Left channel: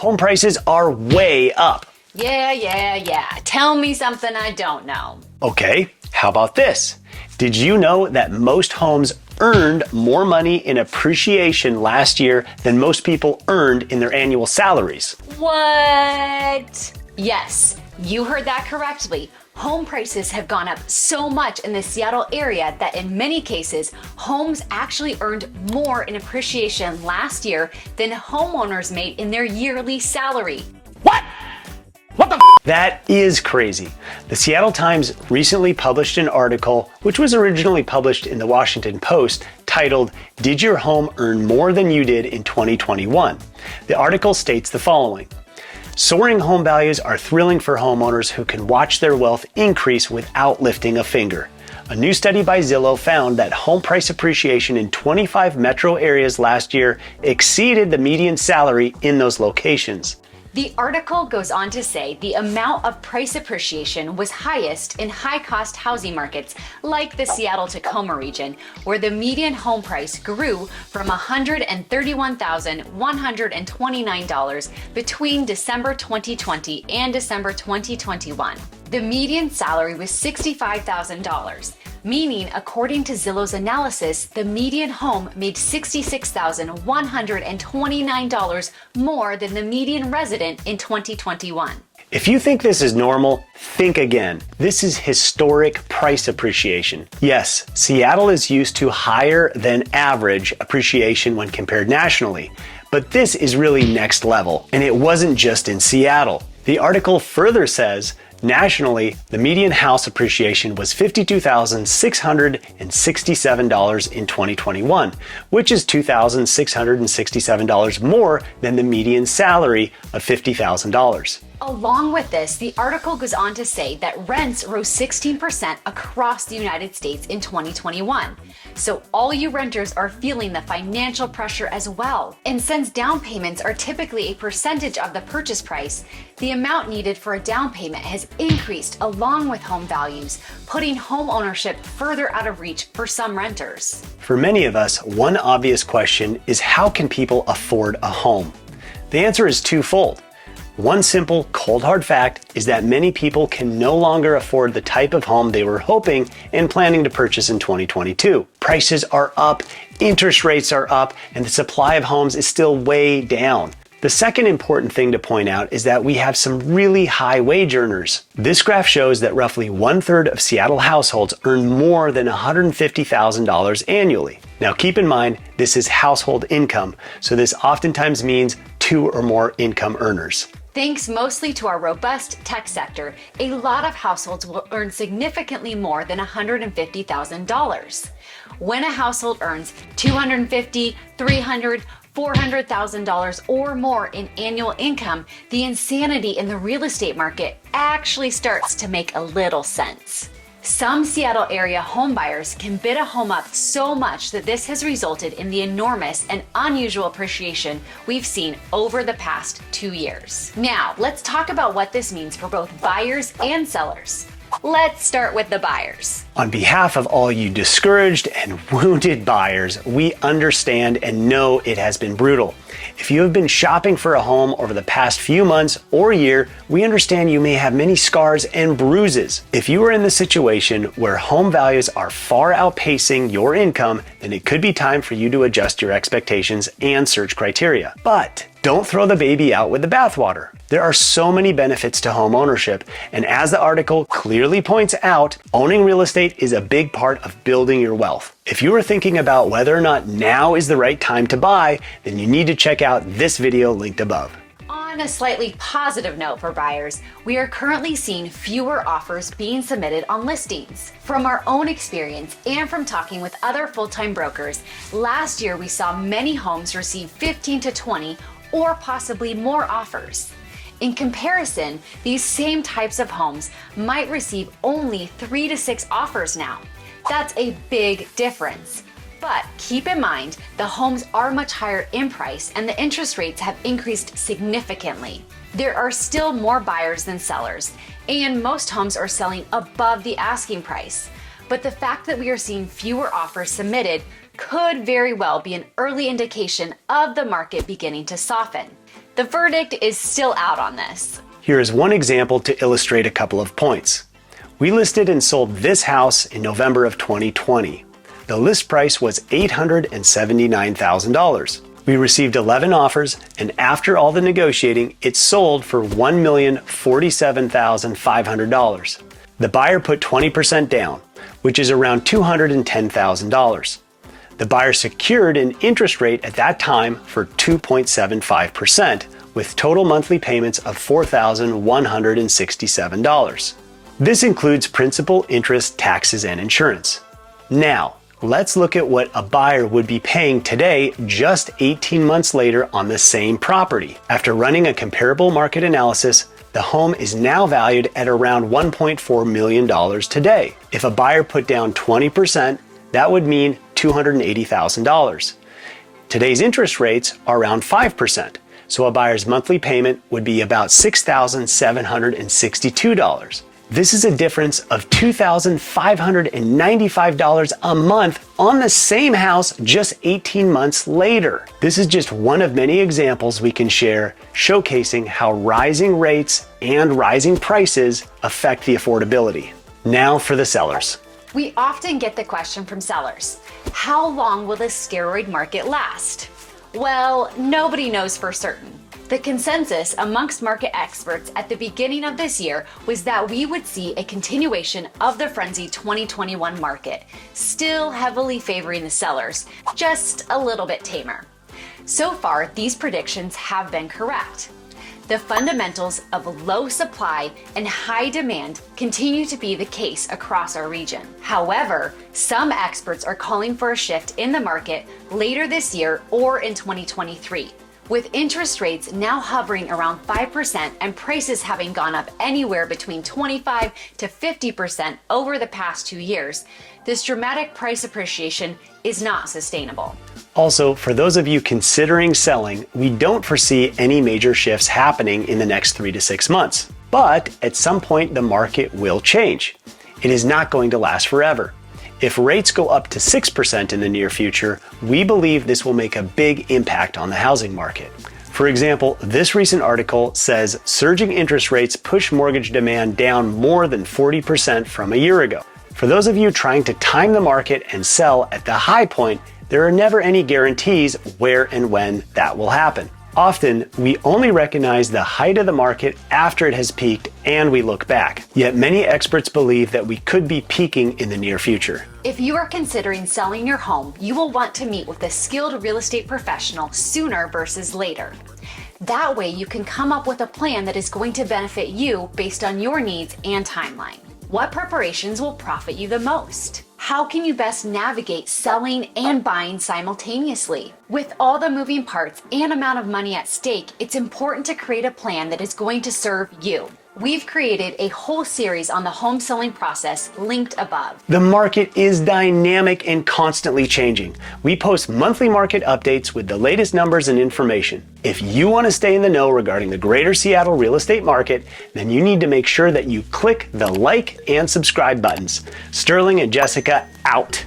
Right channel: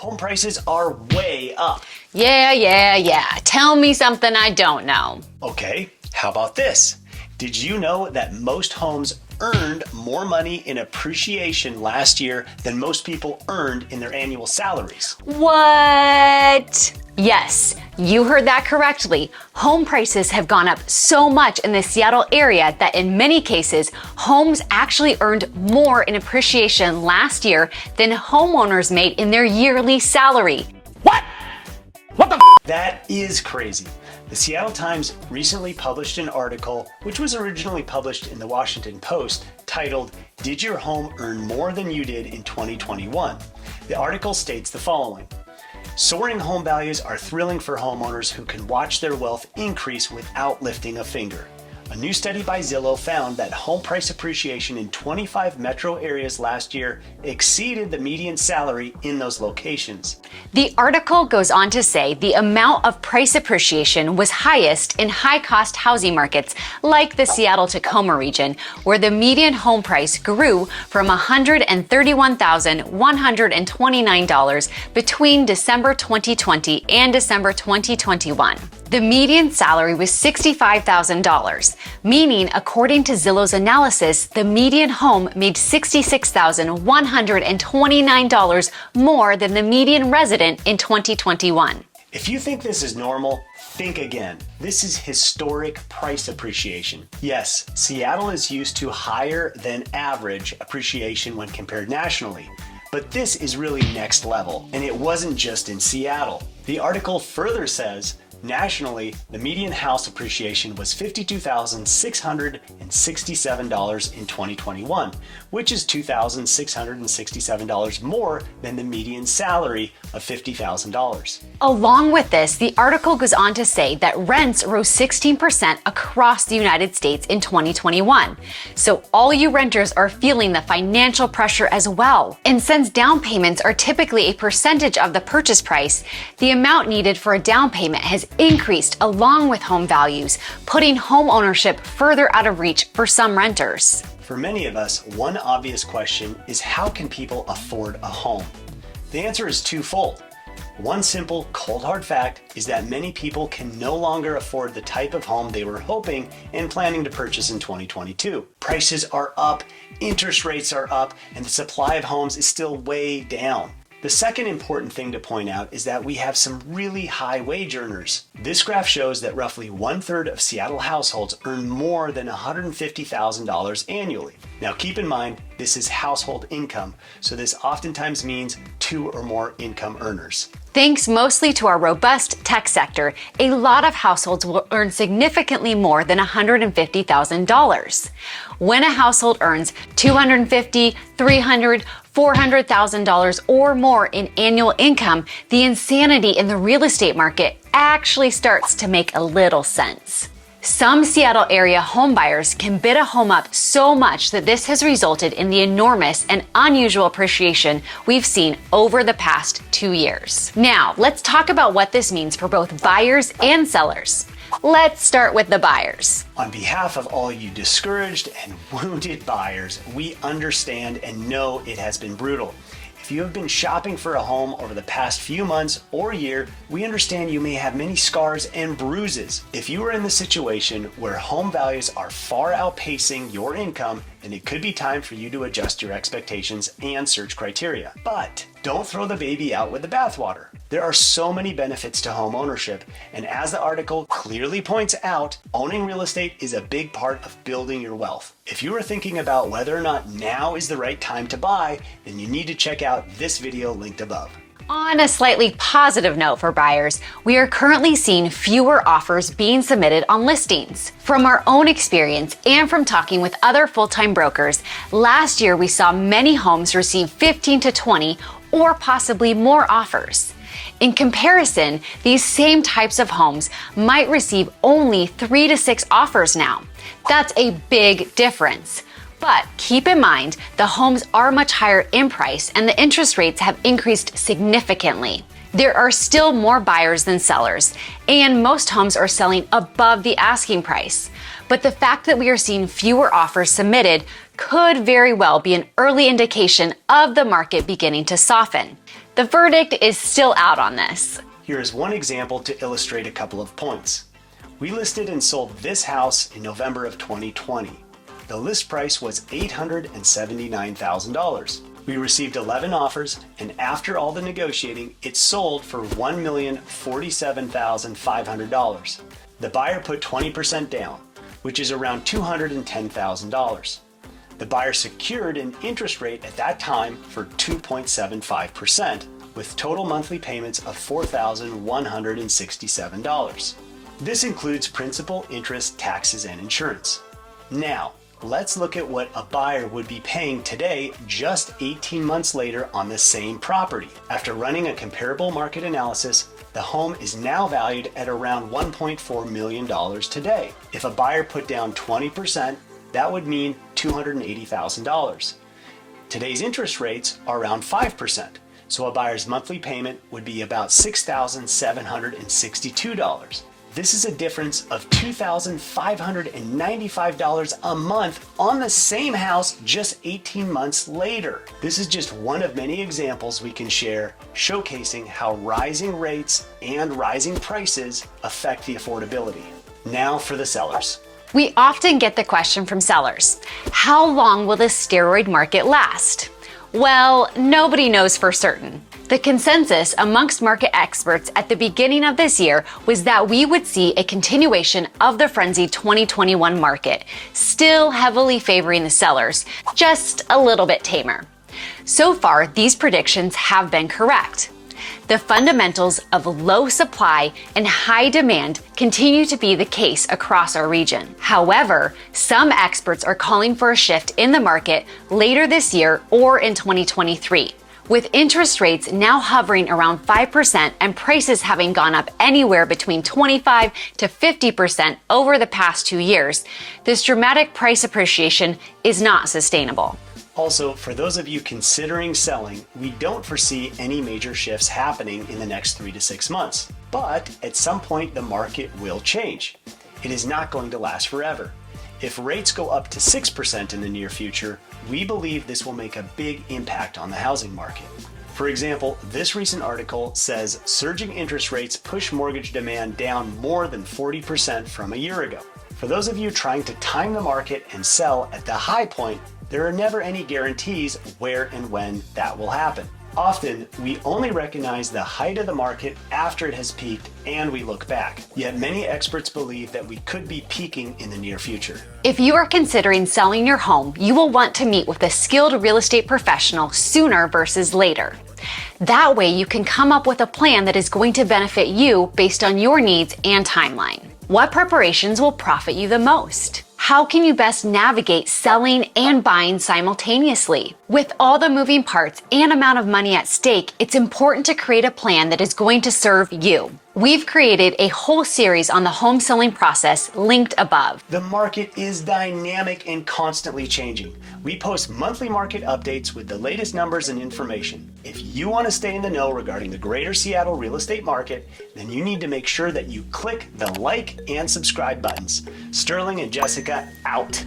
home prices are way up. Yeah. Tell me something I don't know. Okay, how about this? Did you know that most homes earned more money in appreciation last year than most people earned in their annual salaries? What? Yes, you heard that correctly. Home prices have gone up so much in the Seattle area that in many cases, homes actually earned more in appreciation last year than homeowners made in their yearly salary. What? That is crazy. The Seattle Times recently published an article, which was originally published in the Washington Post, titled, "Did Your Home Earn More Than You Did in 2021?" The article states the following: soaring home values are thrilling for homeowners who can watch their wealth increase without lifting a finger. A new study by Zillow found that home price appreciation in 25 metro areas last year exceeded the median salary in those locations. The article goes on to say the amount of price appreciation was highest in high-cost housing markets like the Seattle-Tacoma region, where the median home price grew from $131,129 between December 2020 and December 2021. The median salary was $65,000, meaning according to Zillow's analysis, the median home made $66,129 more than the median resident in 2021. If you think this is normal, think again. This is historic price appreciation. Yes, Seattle is used to higher than average appreciation when compared nationally, but this is really next level, and it wasn't just in Seattle. The article further says, nationally, the median house appreciation was $52,667 in 2021, which is $2,667 more than the median salary of $50,000. Along with this, the article goes on to say that rents rose 16% across the United States in 2021. So all you renters are feeling the financial pressure as well. And since down payments are typically a percentage of the purchase price, the amount needed for a down payment has increased along with home values, putting home ownership further out of reach for some renters. For many of us, one obvious question is, how can people afford a home? The answer is twofold. One simple, cold hard fact is that many people can no longer afford the type of home they were hoping and planning to purchase in 2022. Prices are up, interest rates are up, and the supply of homes is still way down. The second important thing to point out is that we have some really high wage earners. This graph shows that roughly 1/3 of Seattle households earn more than $150,000 annually. Now keep in mind, this is household income, so this oftentimes means 2 or more income earners. Thanks mostly to our robust tech sector, a lot of households will earn significantly more than $150,000. When a household earns $250,000, $300,000, $400,000 or more in annual income, the insanity in the real estate market actually starts to make a little sense. Some Seattle area homebuyers can bid a home up so much that this has resulted in the enormous and unusual appreciation we've seen over the past 2 years. Now, let's talk about what this means for both buyers and sellers. Let's start with the buyers. On behalf of all you discouraged and wounded buyers, we understand and know it has been brutal. If you have been shopping for a home over the past few months or year, we understand you may have many scars and bruises. If you are in the situation where home values are far outpacing your income, then it could be time for you to adjust your expectations and search criteria. But don't throw the baby out with the bathwater. There are so many benefits to home ownership, and as the article clearly points out, owning real estate is a big part of building your wealth. If you are thinking about whether or not now is the right time to buy, then you need to check out this video linked above. On a slightly positive note for buyers, we are currently seeing fewer offers being submitted on listings. From our own experience and from talking with other full-time brokers, last year we saw many homes receive 15 to 20 or possibly more offers. In comparison, these same types of homes might receive only 3 to 6 offers now. That's a big difference. But keep in mind, the homes are much higher in price and the interest rates have increased significantly. There are still more buyers than sellers, and most homes are selling above the asking price. But the fact that we are seeing fewer offers submitted could very well be an early indication of the market beginning to soften. The verdict is still out on this. Here is one example to illustrate a couple of points. We listed and sold this house in November of 2020. The list price was $879,000. We received 11 offers, and after all the negotiating, it sold for $1,047,500. The buyer put 20% down, which is around $210,000. The buyer secured an interest rate at that time for 2.75%, with total monthly payments of $4,167. This includes principal, interest, taxes, and insurance. Now, let's look at what a buyer would be paying today just 18 months later on the same property. After running a comparable market analysis, the home is now valued at around $1.4 million today. If a buyer put down 20%, that would mean $280,000. Today's interest rates are around 5%, so a buyer's monthly payment would be about $6,762. This is a difference of $2,595 a month on the same house just 18 months later. This is just one of many examples we can share showcasing how rising rates and rising prices affect the affordability. Now for the sellers. We often get the question from sellers, how long will this steroid market last? Well, nobody knows for certain. The consensus amongst market experts at the beginning of this year was that we would see a continuation of the frenzied 2021 market, still heavily favoring the sellers, just a little bit tamer. So far, these predictions have been correct. The fundamentals of low supply and high demand continue to be the case across our region. However, some experts are calling for a shift in the market later this year or in 2023. With interest rates now hovering around 5% and prices having gone up anywhere between 25 to 50% over the past 2 years, this dramatic price appreciation is not sustainable. Also, for those of you considering selling, we don't foresee any major shifts happening in the next 3 to 6 months. But at some point, the market will change. It is not going to last forever. If rates go up to 6% in the near future, we believe this will make a big impact on the housing market. For example, this recent article says surging interest rates push mortgage demand down more than 40% from a year ago. For those of you trying to time the market and sell at the high point, there are never any guarantees where and when that will happen. Often, we only recognize the height of the market after it has peaked and we look back. Yet many experts believe that we could be peaking in the near future. If you are considering selling your home, you will want to meet with a skilled real estate professional sooner versus later. That way, you can come up with a plan that is going to benefit you based on your needs and timeline. What preparations will profit you the most? How can you best navigate selling and buying simultaneously? With all the moving parts and amount of money at stake, it's important to create a plan that is going to serve you. We've created a whole series on the home selling process linked above. The market is dynamic and constantly changing. We post monthly market updates with the latest numbers and information. If you want to stay in the know regarding the greater Seattle real estate market, then you need to make sure that you click the like and subscribe buttons. Sterling and Jessica out.